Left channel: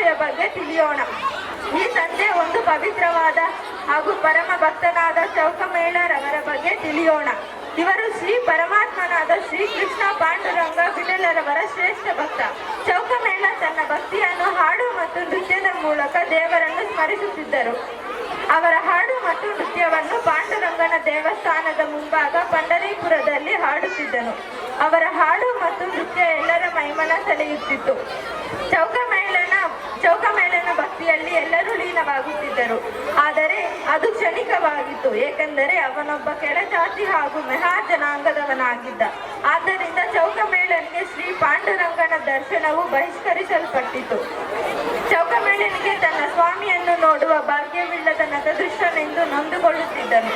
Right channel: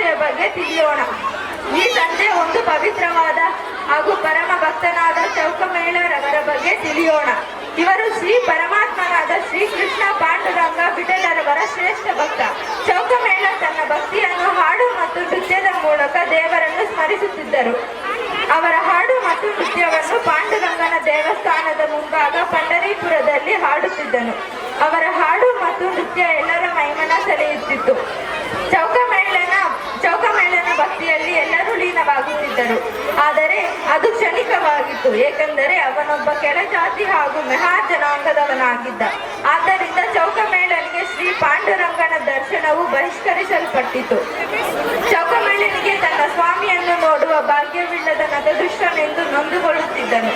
ವಿಷಯ ಬಗ್ಗೆ ತಿಳಿಯೋಣ. ಈ ಸಂಜೆ ಒಂದು ಪವಿತ್ರವಾದ ಹಾಗೂ ಪರಮ ಭಕ್ತನಾದ ಚೌಕಮೇಳರವರ ಬಗ್ಗೆ ತಿಳಿಯೋಣ. ಇವರು ಶ್ರೀ ಪರಮಾತ್ಮನಾದ ಶ್ರೀ ಕೃಷ್ಣ ಪಾಂಡುರಂಗ ವಿಠಲರವರ ಶ್ರೇಷ್ಠ ಭಕ್ತ. ಚೌಕಮೇಳ ತನ್ನ ಭಕ್ತಿಯನ್ನು ಹಾಡು ಮತ್ತು ನೃತ್ಯದ ಮೂಲಕ ದೇವರನ್ನು ಸ್ಮರಿಸುತ್ತಿದ್ದರು. ಅವರ ಹಾಡು ಮತ್ತು ನೃತ್ಯವನ್ನು ಪಾಂಡುರಂಗನ ದೇವಸ್ಥಾನದ ಮುಂಭಾಗ ಪಂಡರೀಪುರದಲ್ಲಿ ಹಾಡುತ್ತಿದ್ದನು. ಅವರ ಹಾಡು ಮತ್ತು ನೃತ್ಯ ಎಲ್ಲರ ಮೈಮನ ಸೆಳೆಯುತ್ತಿತ್ತು. ಚೌಕಮೇಳನ ಭಕ್ತಿಯಲ್ಲಿ ಎಲ್ಲರೂ ಲೀನವಾಗುತ್ತಿದ್ದರು. ಆದರೆ ಅದು ಕ್ಷಣಿಕವಾಗಿತ್ತು, ಏಕೆಂದರೆ ಅವನೊಬ್ಬ ಕೆಳಜಾತಿ ಹಾಗೂ ಮೆಹಾ ಜನಾಂಗದವನಾಗಿದ್ದ. ಆದ್ದರಿಂದ ಚೌಕಮೇಳನಿಗೆ ಶ್ರೀ ಪಾಂಡುರಂಗನ ದರ್ಶನವು ಬಹಿಷ್ಕರಿಸಲ್ಪಟ್ಟಿತು. ಚೌಕಮೇಳನಿಗೆ ತನ್ನ ಸ್ವಾಮಿಯನ್ನು ನೋಡುವ ಭಾಗ್ಯವಿಲ್ಲದ ನತದೃಷ್ಟನೆಂದು ನೊಂದುಕೊಳ್ಳುತ್ತಿದ್ದನು.